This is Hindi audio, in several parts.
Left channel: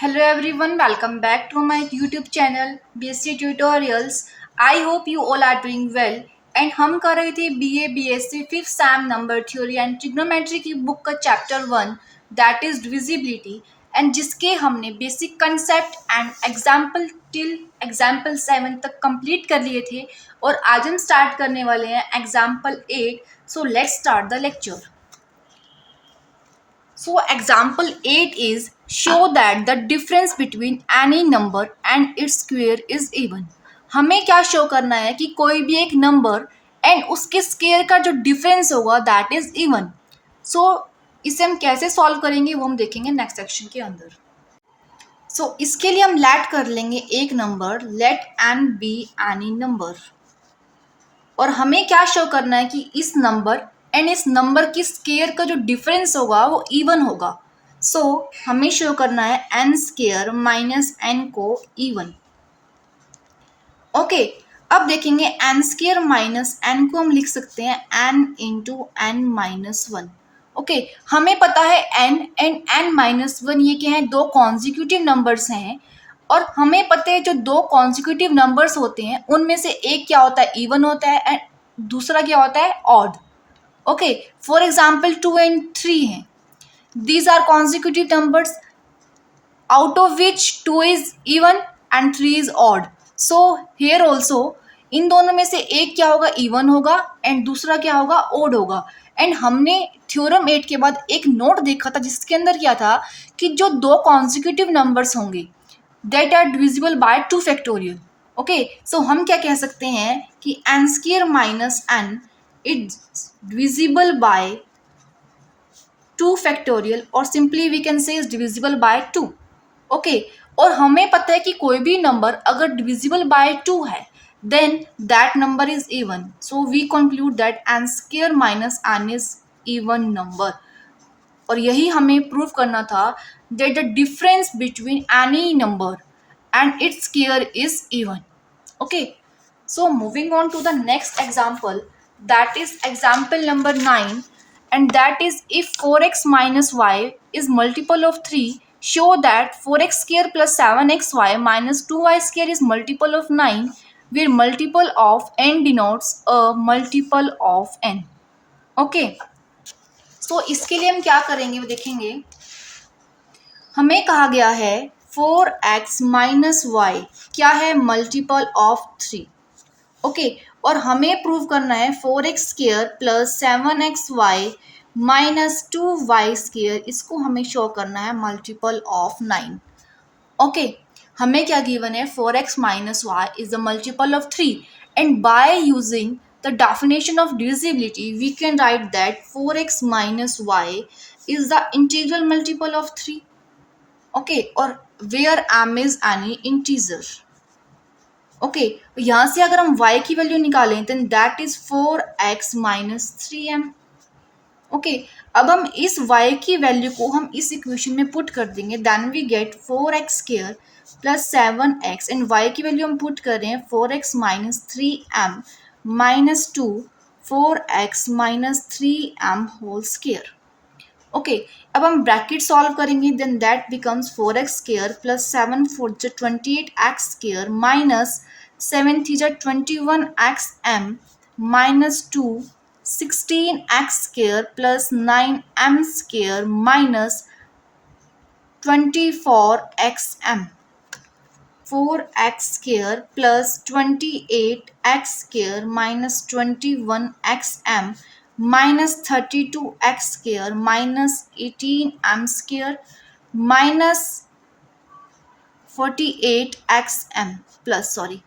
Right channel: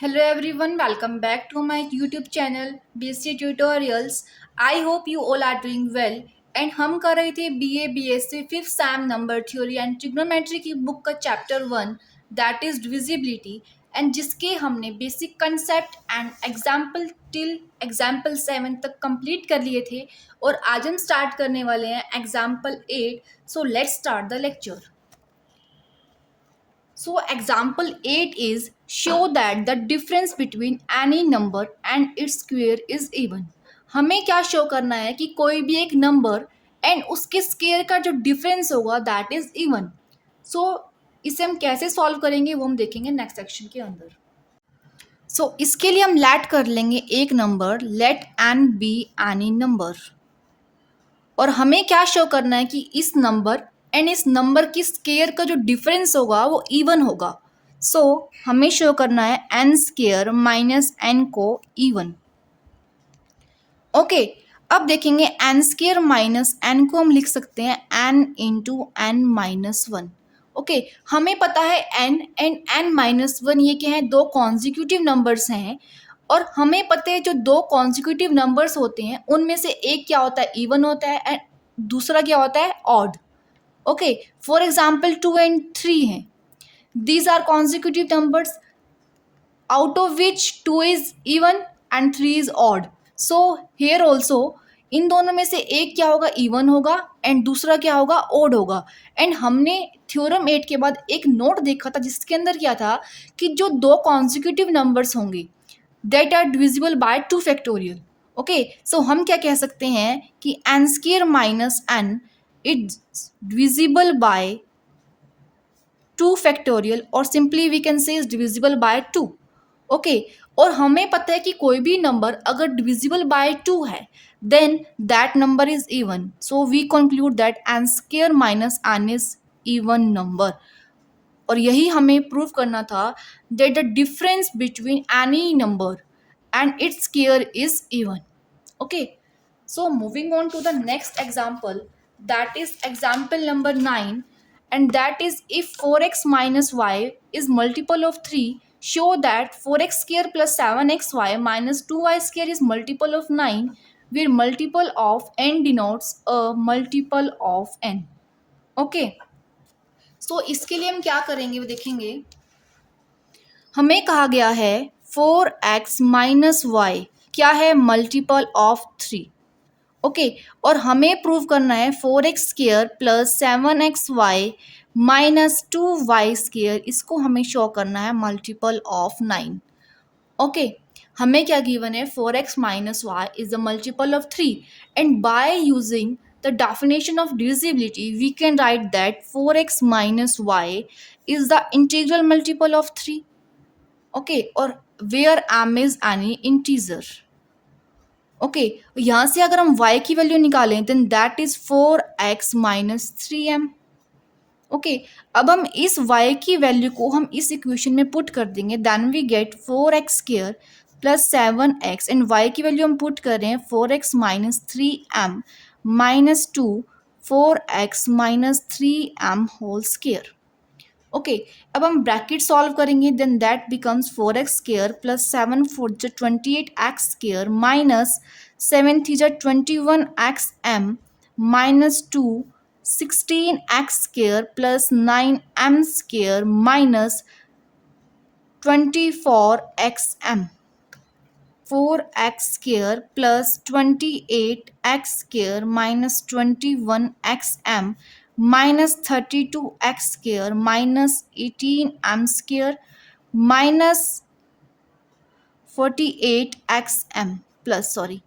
Hello everyone, welcome back to my YouTube channel BSc Tutorials. I hope you all are doing well. And हम कर रहे थे BA BSc fifth Sam number theory and trigonometry की बुक का chapter 1 that is divisibility and जिसके हमने basic concept and example till example 7 तक कंप्लीट कर लिए थे और आज हम स्टार्ट करने वाले हैं example 8. So let's start the lecture. So example 8 is show that the difference between any number and its square is even. हमें क्या शो करना है कि कोई भी एक नंबर एंड उसके स्क्वायर का जो डिफरेंस होगा दैट इज इवन. सो इसे हम कैसे सॉल्व करेंगे वो हम देखेंगे नेक्स्ट सेक्शन के अंदर. इसके लिए हम लेट कर लेंगे एक number let n be any number और हमें क्या शो करना है कि इस नंबर एंड इस नंबर की स्केयर का जो डिफरेंस होगा वो इवन होगा. हमें शो करना है एन स्केयर माइनस एन को इवन. ओके, अब देखेंगे एन स्केयर माइनस एन को हम लिख सकते हैं n into n minus one. Okay, हमें पता है n and n minus one ये क्या है, दो कॉन्जिक्यूटिव नंबर्स हैं और हमें पता है जो दो कॉन्जिक्यूटिव नंबर्स होते हैं उनमें से एक क्या होता है, इवन होता है एंड दूसरा क्या होता है, odd. Okay, for example 2 and 3 हैं. These are consecutive numbers out of which 2 is even and 3 is odd. So here also इन दोनों में से एक क्या होगा, इवन होगा एंड दूसरा क्या होगा, ओड होगा. एंड हमने थ्योरम 8 के बाद एक नोट देखा था जिसके अंदर क्या था कि जो दो कॉन्जिक्यूटिव नंबर्स होंगे that are divisible by 2 factorial. Okay, so हम क्या कह सकते हैं कि n square minus n is divisible by 2 factorial और simply we can say is divisible by 2. Okay, और हमें पता है कि कोई भी नंबर अगर डिविजिबल बाय 2 है then that number is even. So we conclude that n square minus n is even number. और यही हमें प्रूव करना था that the difference between any number and its square is even. Okay, so moving on to the next example, that is example number 9, and that is if 4x minus y is multiple of 3, show that 4x square plus 7xy minus 2y square is multiple of 9, where multiple of n denotes a multiple of n. Okay, so इसके लिए हम क्या करेंगे वो देखेंगे. हमें कहा गया है 4x माइनस वाई क्या है, मल्टीपल ऑफ 3. ओके, और हमें प्रूव करना है 4x square plus 7xy minus 2y square, इसको हमें शो करना है मल्टीपल ऑफ 9. ओके, हमें क्या गिवन है, 4x minus y is the multiple of 3 and by using the definition of divisibility we can write that 4x minus y is the integral multiple of 3. Okay, और where m is any integer. Okay, यहाँ से अगर हम y की वैल्यू निकालें then that is 4x minus 3m. Okay, अब हम इस y की वैल्यू को हम इस इक्वेशन में पुट कर देंगे then we get 4x square plus 7x and y की वैल्यू हम पुट कर रहे हैं 4x minus 3m minus 2 4x minus 3m whole square. Okay, अब हम ब्रैकेट सॉल्व करेंगे then that becomes 4x square plus 7 4 जो 28x स्क्वायर माइनस 7 3 जो 21xm minus 2 16x square plus 9m square minus 24xm. 4x square plus 28x square minus 21xm minus 32x square minus 18m square minus 48xm plus sorry.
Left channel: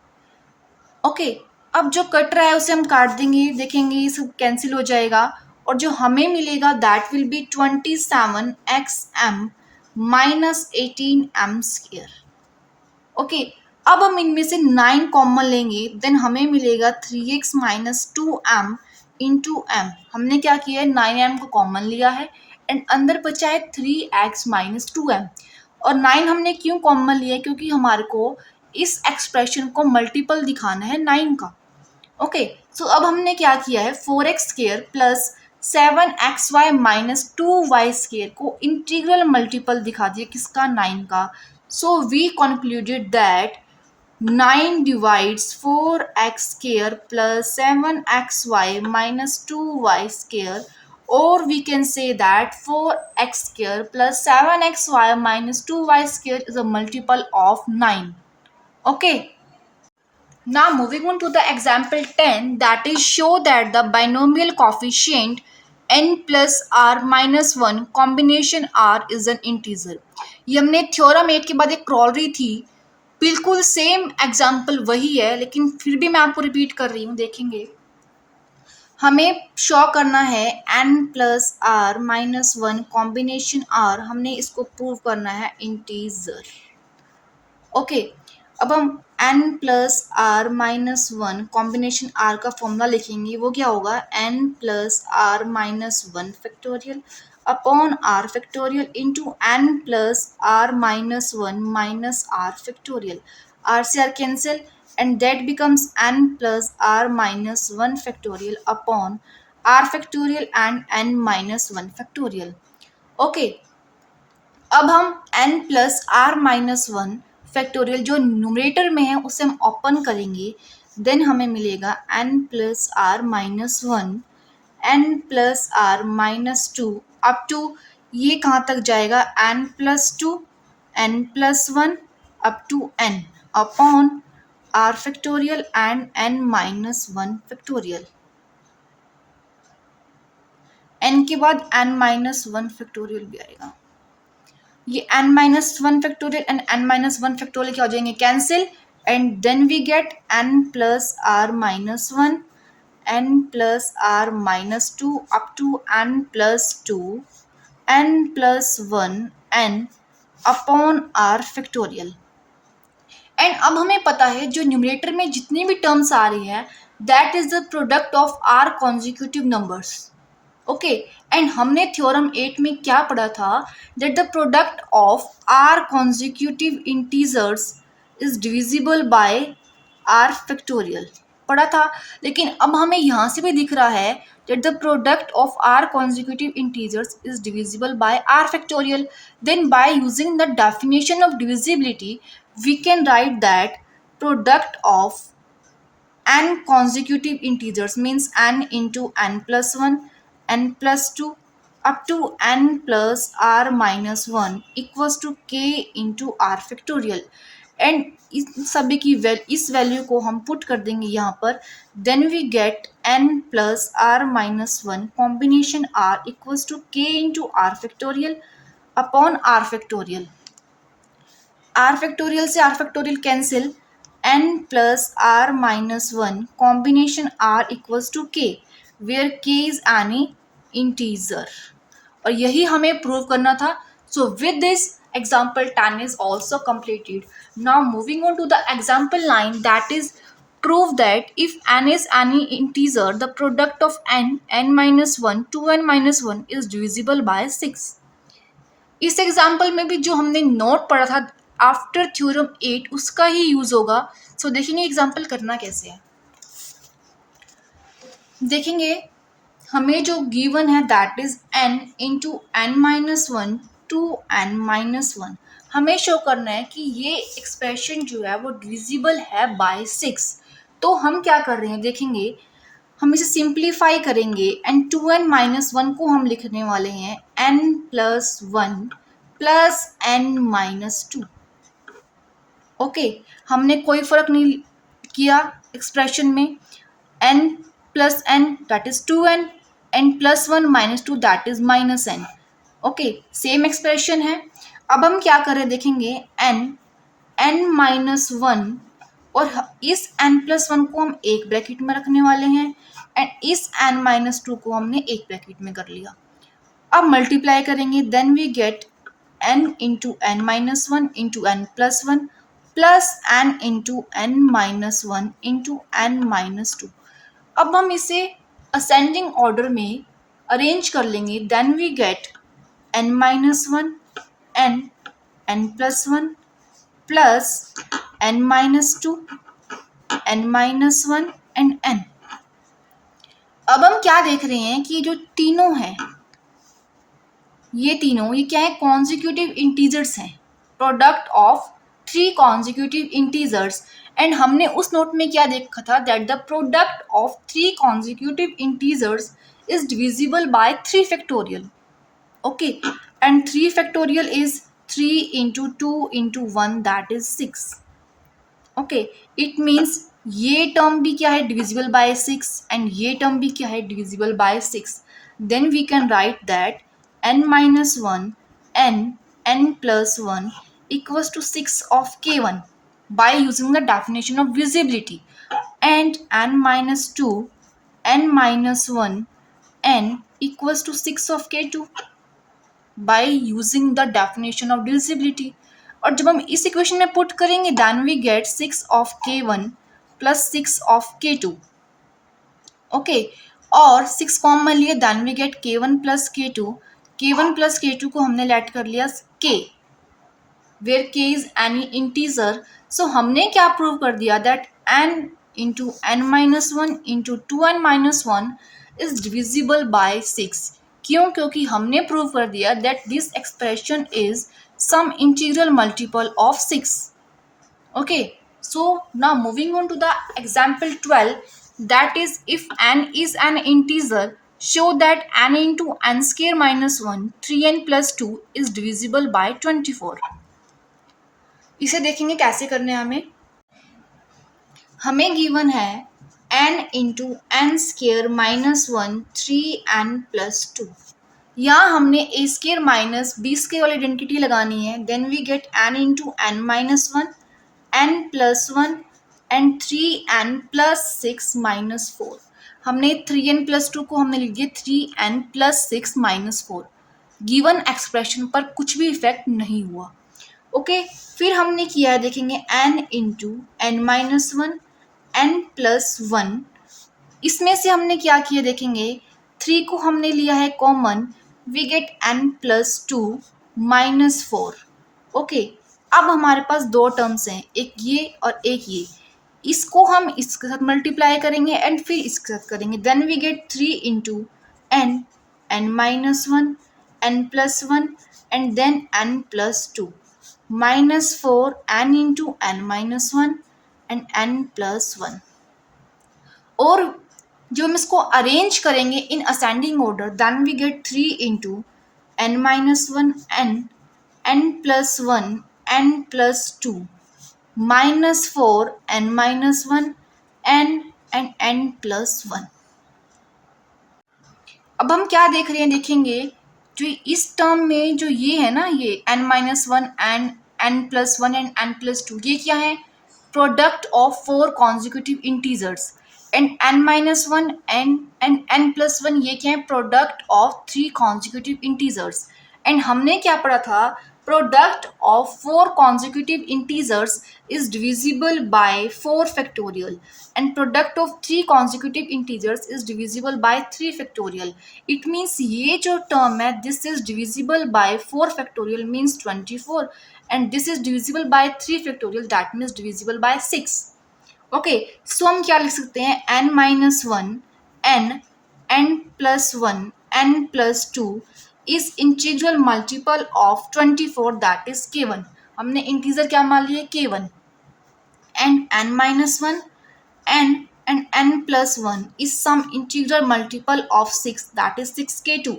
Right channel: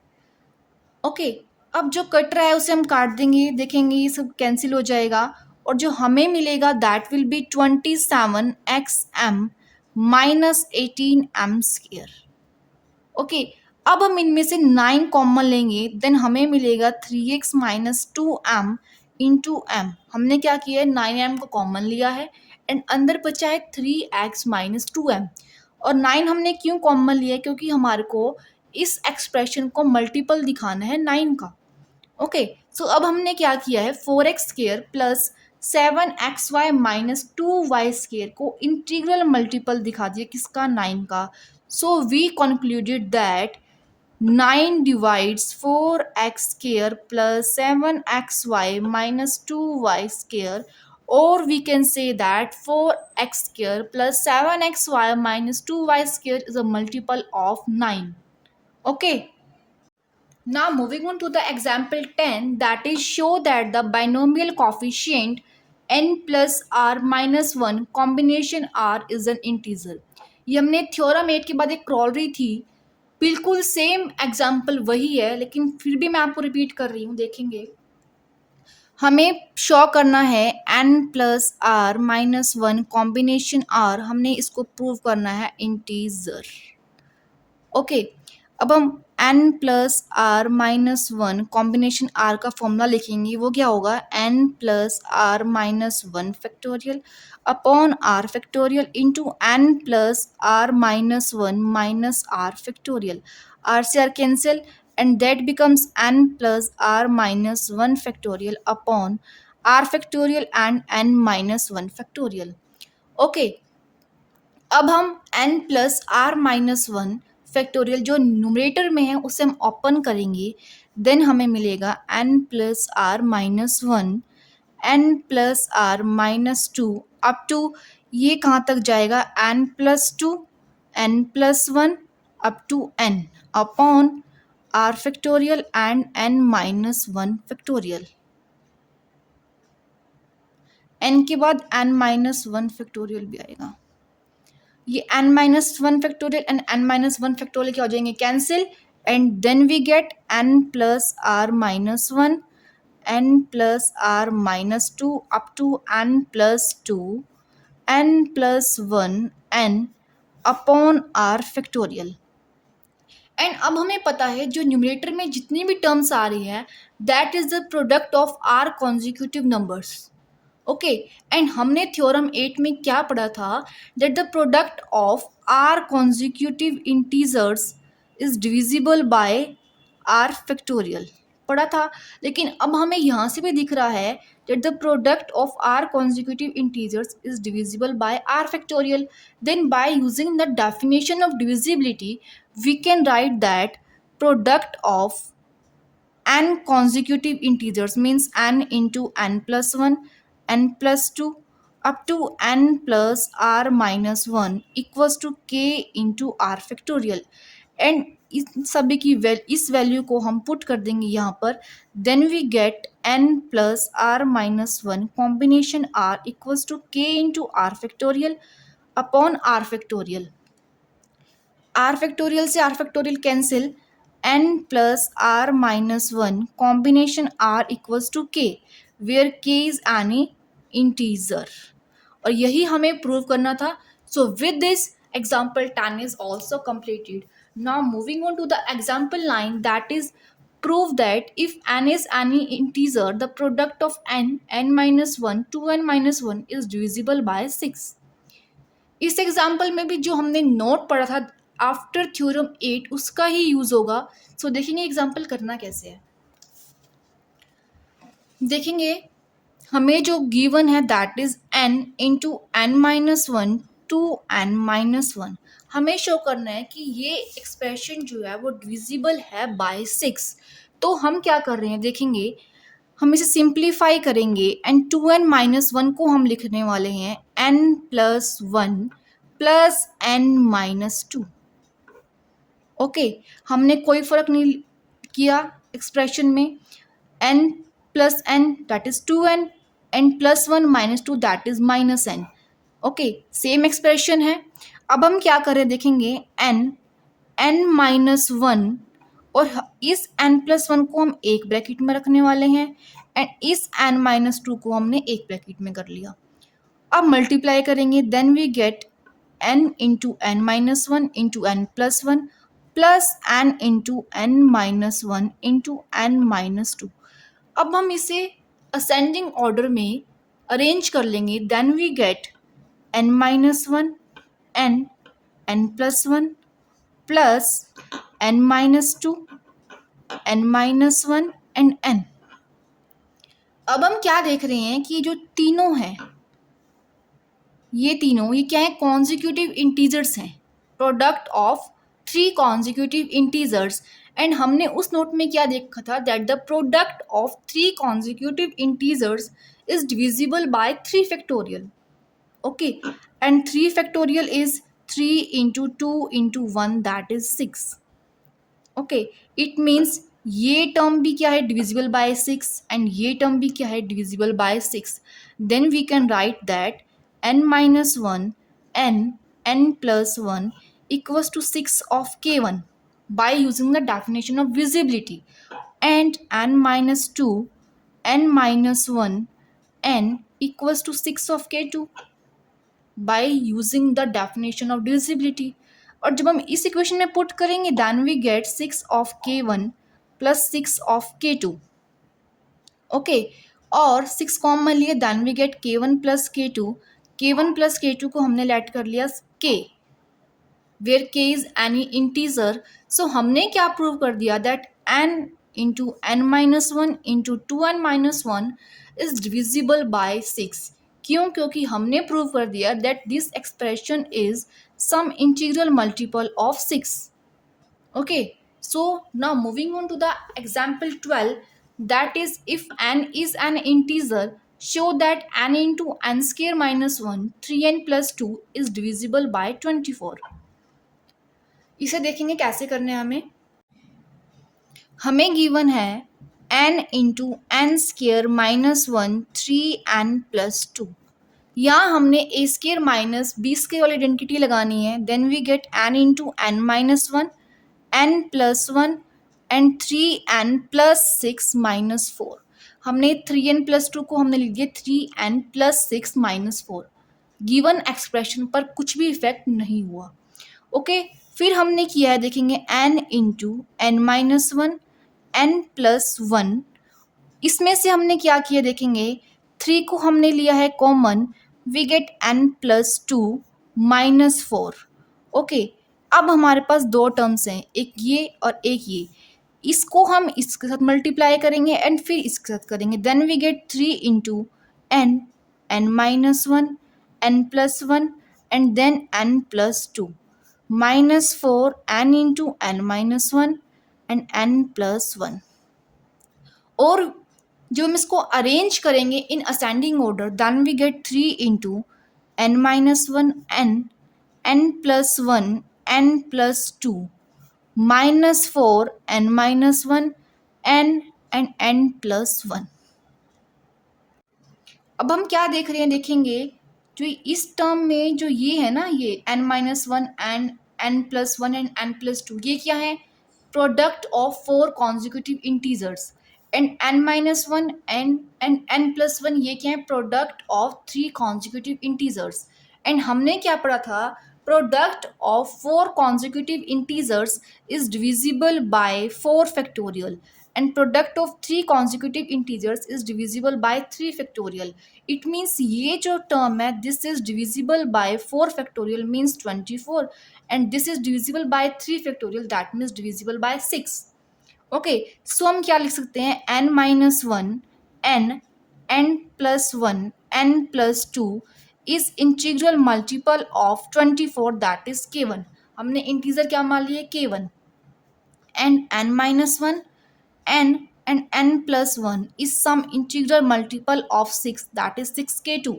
Okay, अब जो कट रहा है उसे हम काट देंगे, देखेंगे ये सब कैंसिल हो जाएगा और जो हमें मिलेगा that will be 27xm minus 18m square. Okay, अब हम इनमें से 9 कॉमन लेंगे देन हमें मिलेगा 3x minus 2m into M. हमने क्या किया है, 9m को कॉमन लिया है एंड अंदर बचा है 3x माइनस 2m. और 9 हमने क्यों कॉमन लिया है, क्योंकि हमारे को इस एक्सप्रेशन को मल्टीपल दिखाना है 9 का. ओके, सो अब हमने क्या किया है 4x square plus 7xy minus 2y square को इंटीग्रल मल्टीपल दिखा दिया किसका, 9 का. So we concluded that 9 divides 4x square plus 7xy minus 2y square, or we can say that 4x square plus 7xy minus 2y square is a multiple of 9. Okay. Now moving on to the example 10, that is show that the binomial coefficient n plus r minus 1 combination r is an integer. ये हमने थ्योरम 8 के बाद एक क्रॉल रही थी, बिल्कुल सेम एग्जाम्पल वही है, लेकिन फिर भी मैं आपको रिपीट कर रही हूँ. देखेंगे, हमें शो करना है n plus r minus one combination r, हमने इसको प्रूव करना है इंटीजर. ओके. अब हम n plus r minus one combination r का फॉर्मूला लिखेंगे. वो क्या होगा? n plus r minus one factorial upon r factorial into n plus r minus one minus r factorial. R से r cancel and that becomes n plus r minus one factorial upon r factorial and n minus one factorial. Okay. अब हम n plus r minus one factorial जो न्यूमरेटर में है उसे हम ओपन करेंगे. देन हमें मिलेगा n plus r minus one, n plus r minus two up to ये कहाँ तक जाएगा? n plus two, n plus one up to n upon r factorial and n minus one factorial. n के बाद n माइनस वन फैक्टोरियल भी आएगा. ये n minus one factorial and n minus one factorial क्या हो जाएंगे? Cancel. And then we get n plus r minus one, n plus r minus two up to n plus two, n plus one n upon r factorial. And अब हमें पता है जो न्यूमरेटर में जितनी भी टर्म्स आ रही है that is the product of r consecutive numbers. Okay. And हमने थ्योरम 8 में क्या पढ़ा था? That the product of r consecutive integers is divisible by r factorial पढ़ा था. लेकिन अब हमें यहाँ से भी दिख रहा है that the product of r consecutive integers is divisible by r factorial. Then by using the definition of divisibility we can write that product of n consecutive integers means n into n plus 1, n plus 2 up to n plus r minus 1 equals to k into r factorial. And इस सभी की इस वैल्यू को हम पुट कर देंगे यहाँ पर. Then we get n plus r minus one combination r equals to k into r factorial upon r factorial. R factorial से r factorial cancel, n plus r minus one combination r equals to k where k is any integer. और यही हमें प्रूव करना था. So with this example 10 is also completed. Now moving on to the example 9, that is prove that if n is any integer the product of n minus 1 2n minus 1 is divisible by 6. इस एग्जाम्पल में भी जो हमने नोट पढ़ा था आफ्टर थ्योरम 8 उसका ही यूज होगा. सो देखेंगे एग्जाम्पल करना कैसे है. देखेंगे हमें जो गिवन है that is n into n minus one two n minus one. हमें शो करना है कि ये एक्सप्रेशन जो है वो डिविजिबल है बाय 6. तो हम क्या कर रहे हैं देखेंगे, हम इसे सिंप्लीफाई करेंगे and two n minus one को हम लिखने वाले हैं n plus one plus n minus two. Okay. हमने कोई फर्क नहीं किया एक्सप्रेशन में. n प्लस n that is 2n, n plus one minus two that is minus n. Okay. Same expression है. अब हम क्या कर रहे हैं देखेंगे, n माइनस वन और इस n प्लस वन को हम एक ब्रैकेट में रखने वाले हैं एंड इस n माइनस टू को हमने एक ब्रैकेट में कर लिया. अब मल्टीप्लाई करेंगे then we get n into n minus one into n plus one plus n into n minus one into n minus two. अब हम इसे असेंडिंग ऑर्डर में अरेंज कर लेंगे. Then we get n minus one n plus one plus n minus two n minus one and n. अब हम क्या देख रहे हैं कि जो तीनों हैं ये तीनों ये क्या है, कॉन्जिक्यूटिव इंटीजर्स हैं. Product of three consecutive integers. And हमने उस नोट में क्या देखा था, that the product of three consecutive integers is divisible by three factorial. Okay, and three factorial is 3 into 2 into 1, that is 6. Okay, it means ये टर्म भी क्या है, डिविजिबल बाय 6, एंड ये टर्म भी क्या है, divisible by 6। Then we can write that n minus 1 n n plus 1 equals to 6 of k1 by using the definition of visibility, and n minus 2 n minus 1 n equals to 6 of k2 by using the definition of divisibility। और जब हम इस इक्वेशन में पुट करेंगे then we get 6 of k1 plus 6 of k2। Okay, और 6 कॉमन लिए then we get k1 plus k2। k1 plus k2 को हमने लेट कर लिया k, where k is any integer. So हमने क्या प्रूव कर दिया, that n into n minus one into 2n minus one is divisible by 6। क्यों? क्योंकि हमने प्रूव कर दिया that this expression is some integral multiple of 6। Okay, so now moving on to the example 12, that is if n is an integer, show that n into n square minus 1 3n plus 2 is divisible by 24। इसे देखेंगे कैसे करने हैं। हमें गिवन है n into n square minus one 3n plus 2। यहाँ हमने a square minus b square वाली आइडेंटिटी लगानी है। Then we get n into n minus one n plus one and 3n plus 6 minus 4। हमने 3n प्लस 2 को हमने लिख दिया 3n plus 6 minus 4। Given expression पर कुछ भी इफेक्ट नहीं हुआ। ओके, फिर हमने किया है, देखेंगे n into n minus one n plus one. इसमें से हमने क्या किया, देखेंगे 3 को हमने लिया है common, we get n plus 2 minus 4। Okay, अब हमारे पास दो टर्म्स हैं, एक ये और एक ये। इसको हम इसके साथ मल्टीप्लाई करेंगे एंड फिर इसके साथ करेंगे। Then we get 3 into n n minus one n plus one and then n plus 2 minus 4 n into n minus one and n plus 1। और जो हम इसको अरेंज करेंगे in ascending order, then we get 3 into n minus one n plus one n plus 2 minus 4 n minus one n and n plus 1। अब हम क्या देख रहे हैं, देखेंगे जो इस टर्म में जो ये है ना, ये n minus one and n plus one and n plus 2, ये क्या है, product of 4 consecutive integers. And n minus one and n plus one, ये क्या है, product of 3 consecutive integers. And हमने क्या पढ़ा था, product of 4 consecutive integers is divisible by 4 factorial, and product of 3 consecutive integers is divisible by 3 factorial. It means ये जो टर्म है, this is divisible by 4 factorial means 24, and this is divisible by 3 factorial, that means divisible by 6। Okay, so हम क्या लिख सकते हैं, n minus one n plus one n plus 2 is integral multiple of 24, that is k1। हमने इंटीजर क्या मान लिए, k1। And n minus one n and n plus 1 is some integral multiple of 6, that is 6k2।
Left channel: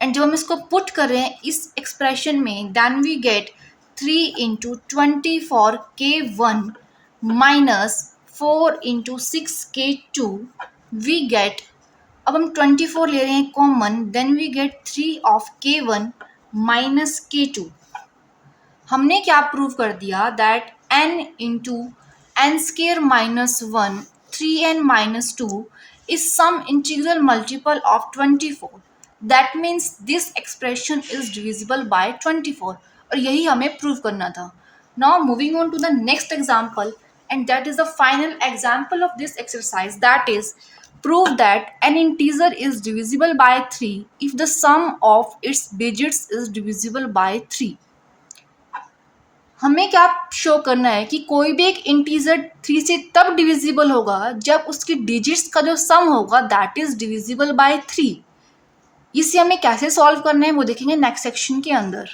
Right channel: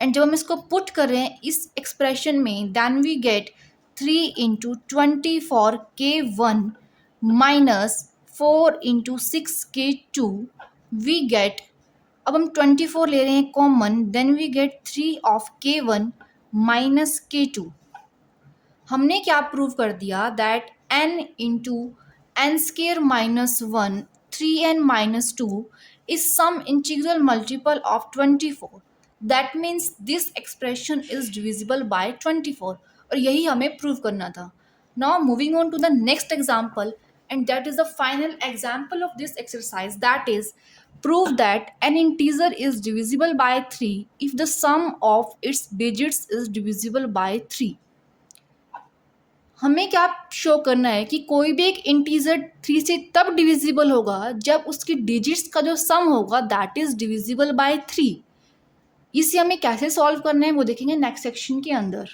And जब हम इसको पुट कर रहे हैं इस एक्सप्रेशन में, then we get 3 into 24k1 minus 4 into 6k2 we get, अब हम 24 ले रहे हैं common, then we get 3 of k1 minus k2। हमने क्या प्रूव कर दिया, that n into n square minus one 3n minus 2 is some integral multiple of 24, that means this expression is divisible by 24। और यही हमें प्रूव करना था। Now moving on to the next example, and that is the final example of this exercise, that is prove that an integer is divisible by 3 if the sum of its digits is divisible by 3। हमें क्या शो करना है कि कोई भी एक इंटीजर 3 से तब डिविजिबल होगा जब उसकी डिजिट्स का जो सम होगा दैट इज डिविजिबल बाय 3। इसे हमें कैसे सॉल्व करना है वो देखेंगे नेक्स्ट सेक्शन के अंदर।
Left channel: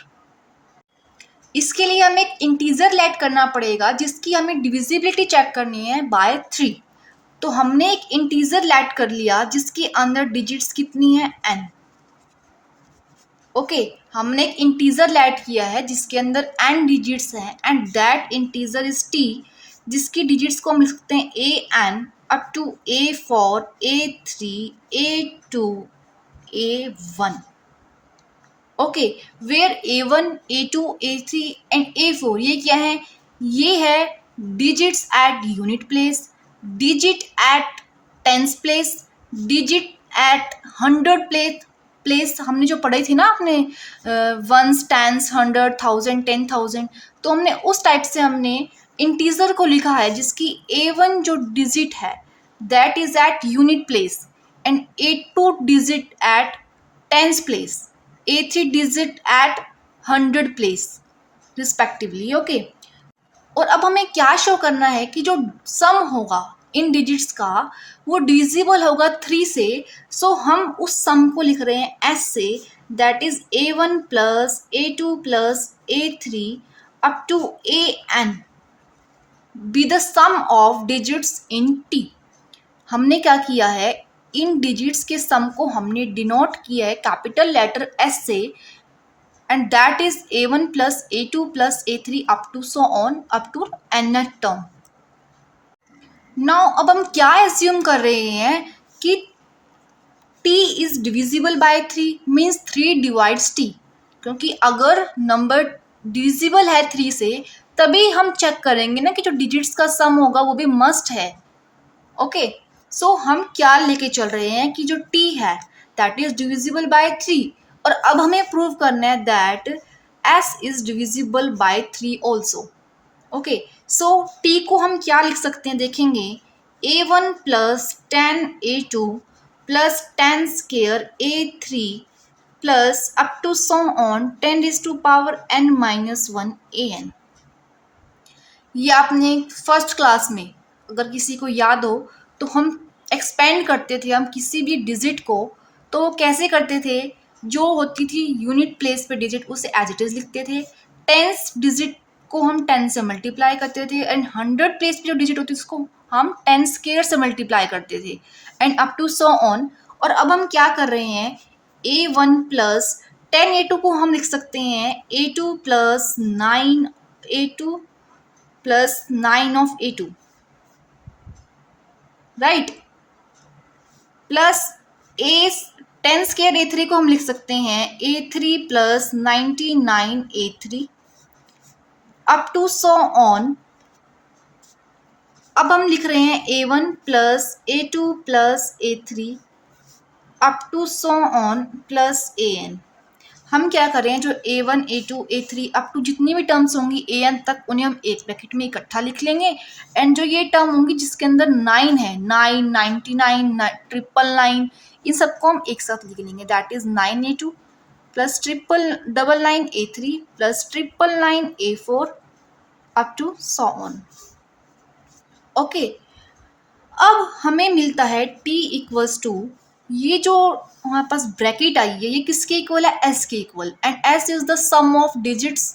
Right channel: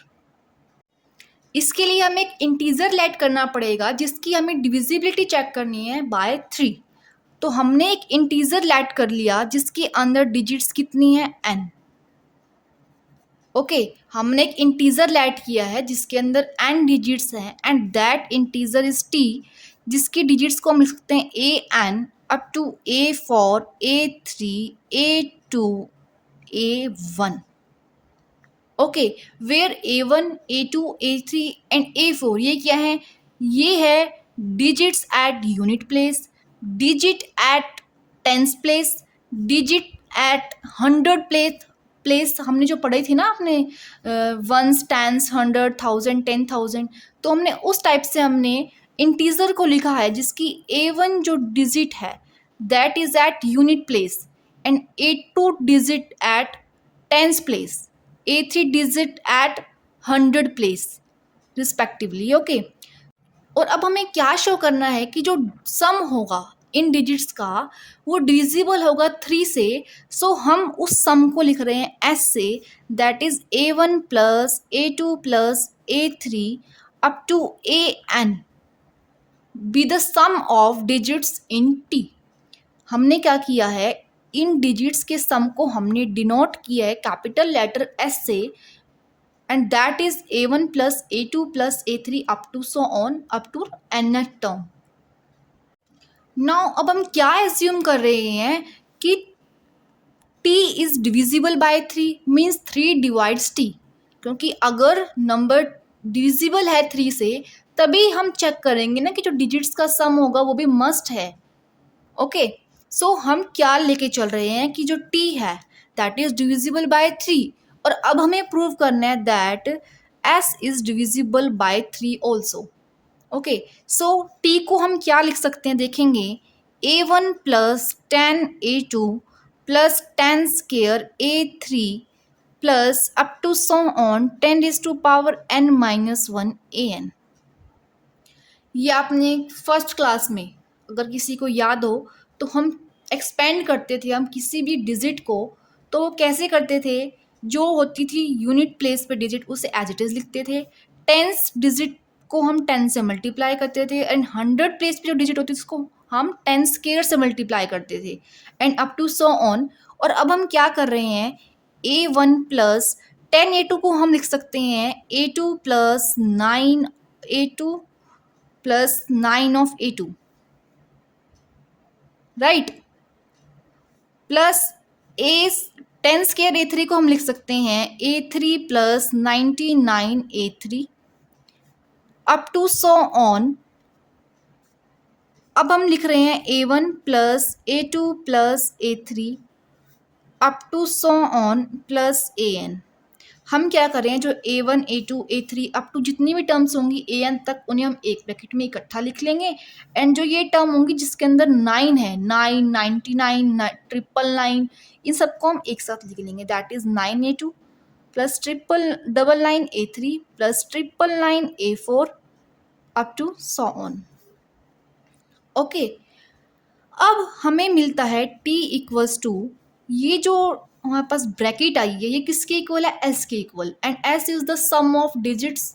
इसके लिए हमें एक इंटीजर लेट करना पड़ेगा जिसकी हमें डिविजिबिलिटी चेक करनी है बाय 3। तो हमने एक इंटीजर लेट कर लिया जिसके अंदर डिजिट्स कितनी है n। ओके, हमने एक इंटीजर लेट किया है जिसके अंदर n डिजिट्स हैं and that integer is t, जिसकी डिजिट्स को हम लिख सकते हैं an up to a4 a3 a2 a1। Okay, where A1 A2 A3 and A4 ये क्या है? ये है digits at unit place, digit at tens place, digit at hundred place हमने जो पढ़ी थी ना आपने, वंस टेंस हंड्रेड थाउजेंड 10,000, तो हमने उस टाइप से हमने इंटीजर को लिखा है जिसकी A1 जो डिजिट है that is at unit place and A2 digit at tens place, A3 digit at hundred place respectively. Okay, और अब हमें क्या शो करना है कि जो सम होगा इन डिजिट्स का वो डिविजिबल होगा 3 से। सो हम उस सम को लिख रहे हैं एस से, that is A1 plus A2 plus A3 up to AN be the sum of digits in T। हमने क्या किया है, इन डिजिट्स के सम को हमने डिनोट किया है कैपिटल लेटर S से and that is A1 plus A2 plus A3 up to so on up to nth term. Now अब हम क्या एज्यूम कर रहे हैं कि t is divisible by 3 means 3 divides t, क्योंकि अगर नंबर डिविजिबल है 3 से तभी हम चेक करेंगे ना कि जो डिजिट्स का सम होगा वो भी मस्ट है। ओके, सो हम क्या लेके चल रहे हैं कि जो t है दैट इज डिविजिबल बाय 3, और अब हमें प्रूव करना है that s is divisible by 3 also. Okay, so t को हम क्या लिख सकते हैं देखेंगे, A1 plus 10 A2 plus 10 square A3 plus up to so on 10 is to power n minus 1 AN। ये आपने फर्स्ट क्लास में अगर किसी को याद हो तो हम एक्सपेंड करते थे, हम किसी भी डिजिट को तो कैसे करते थे, जो होती थी यूनिट प्लेस पे डिजिट उसे एज इट इज़ लिखते थे, टेंस डिजिट को हम 10 से मल्टीप्लाई करते थे एंड हंड्रेड प्लेस पे जो डिजिट होती थी उसको हम 10 स्केयर से मल्टीप्लाई करते थे and up to so on. और अब हम क्या कर रहे हैं, A1 प्लस 10 A2 को हम लिख सकते हैं A2 plus 9 A2 plus 9 of A2 right, plus a 10 square A3 को हम लिख सकते हैं A3 plus 99 A3 up to so on. अब हम लिख रहे हैं A1 plus A2 plus A3 up to so on plus AN। हम क्या कर रहे हैं, जो A1 A2 A3 up to जितनी भी टर्म्स होंगी AN तक उन्हें हम एक ब्रैकेट में इकट्ठा लिख लेंगे एंड जो ये टर्म होंगी जिसके अंदर 9 है, 9 99 ट्रिपल 9, इन सबको हम एक साथ लिख लेंगे, that is 9 A2 plus triple double 9 A3 plus triple 9 A4 up to so on. Okay, अब हमें मिलता है t इक्वल्स टू, ये जो हमारे पास ब्रैकेट आई है ये किसके इक्वल है, s के equal, and s is the sum of digits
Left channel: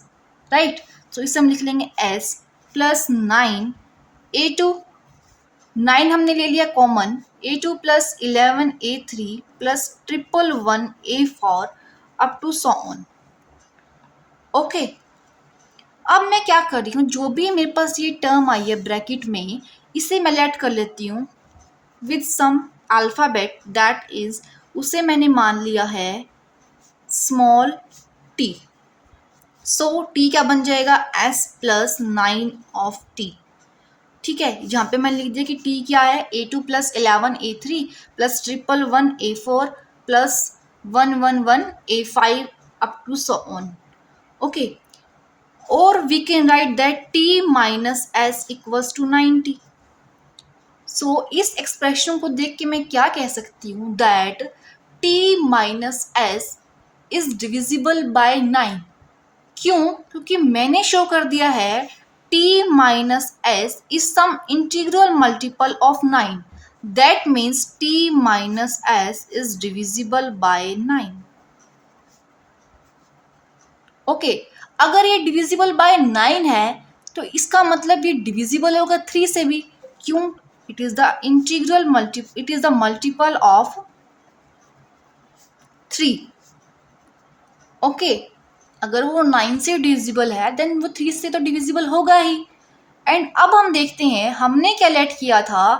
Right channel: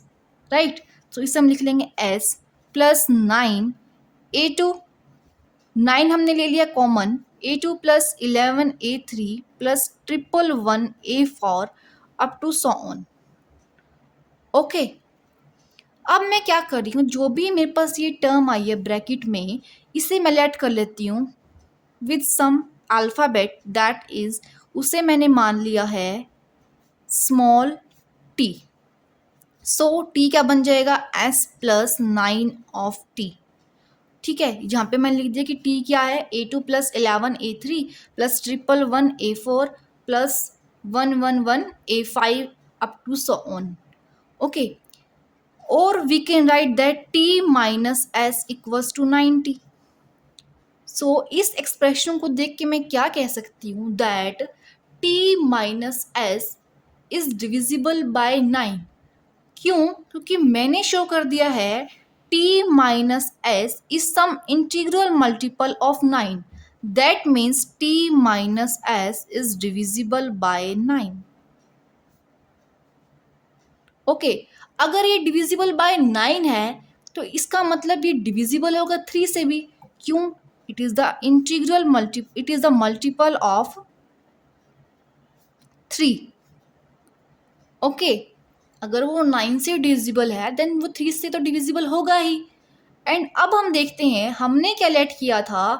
right. तो इसे हम लिख लेंगे s प्लस 9 A2, 9 हमने ले लिया common, A2 plus 11 A3 plus triple 1 A4 up to so on. Okay, अब मैं क्या कर रही हूँ, जो भी मेरे पास ये टर्म आई है ब्रैकेट में इसे मैं लेट कर लेती हूँ with some alphabet, that is उसे मैंने मान लिया है स्मॉल t। सो t क्या बन जाएगा, s प्लस 9 ऑफ t। ठीक है, जहाँ पे मैंने लिख दिया कि t क्या है, A2 plus 11 A3 plus triple 1 A4 plus 111 A5 up to so on. Okay, और we can write that t minus s equals to 90। So इस एक्सप्रेशन को देख के मैं क्या कह सकती हूँ, that t minus s is divisible by 9। क्यों, क्योंकि मैंने शो कर दिया है t minus s is some integral multiple of 9, that means t minus s is divisible by 9। Okay, अगर ये डिविजिबल बाय 9 है तो इसका मतलब ये डिविजिबल होगा 3 से भी। क्यों? It is the it is the multiple of 3। Okay, अगर वो 9 से डिविजिबल है देन वो 3 से तो डिविजिबल होगा ही। एंड अब हम देखते हैं हमने क्या लेट किया था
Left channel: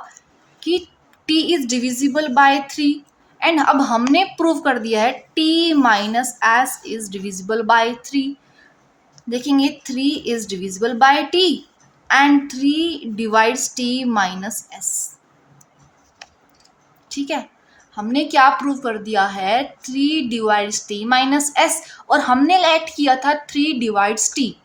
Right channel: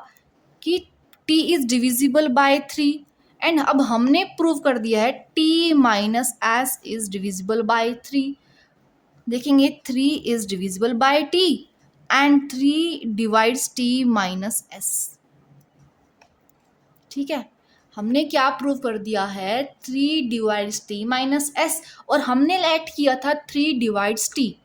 कि t is divisible by 3, and अब हमने प्रूव कर दिया है t minus s is divisible by 3। देखेंगे 3 is divisible bye t and 3 divides t minus s। ठीक है, हमने क्या प्रूव कर दिया है 3 डिवाइड्स टी माइनस एस, और हमने लेट किया था 3 डिवाइड्स टी।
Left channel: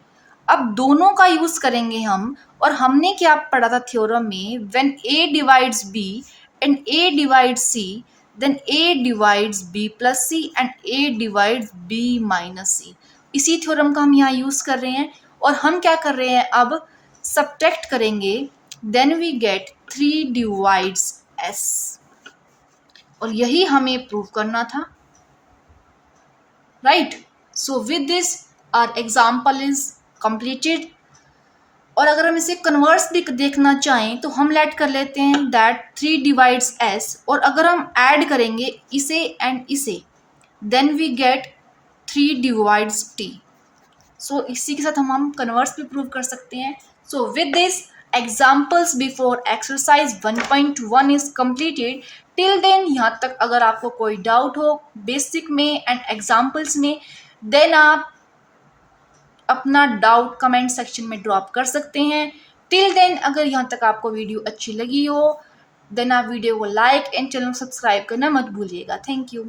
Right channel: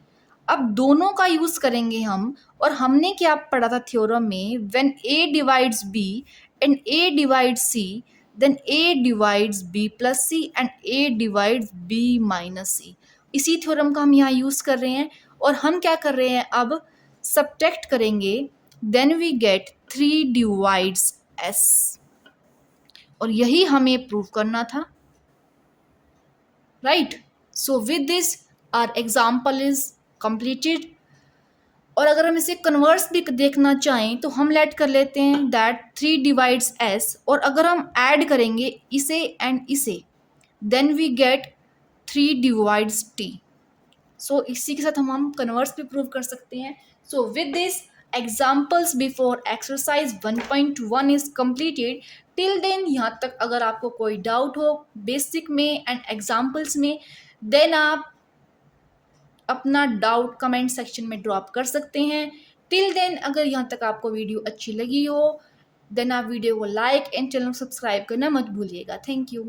अब दोनों का यूज करेंगे हम, और हमने क्या पढ़ा था थ्योरम में, when a divides b and a divides c then a divides b plus c and a divides b minus c. इसी थ्योरम का हम यहाँ यूज कर रहे हैं, और हम क्या कर रहे हैं अब सब्ट्रैक्ट करेंगे, then we get 3 divides S, और यही हमें प्रूव करना था, right. So with this our example is completed. और अगर हम इसे कन्वर्स भी देखना चाहें तो हम लेट कर लेते हैं दैट 3 डिवाइड्स एस, और अगर हम ऐड करेंगे इसे एंड इसे then we get 3 divides t. So इसी के साथ हम कन्वर्स भी प्रूव कर सकते हैं। So with this examples before exercise 1.1 is completed। Till then यहाँ तक अगर आपको कोई डाउट हो बेसिक में एंड एग्जाम्पल्स में, देन आप अपना डाउट कमेंट सेक्शन में ड्रॉप कर सकते हैं। टिल देन अगर यहाँ तक आपको वीडियो अच्छी लगी हो देन आप वीडियो को लाइक एंड चैनल को सब्सक्राइब करना मत भूलिएगा। Thank you.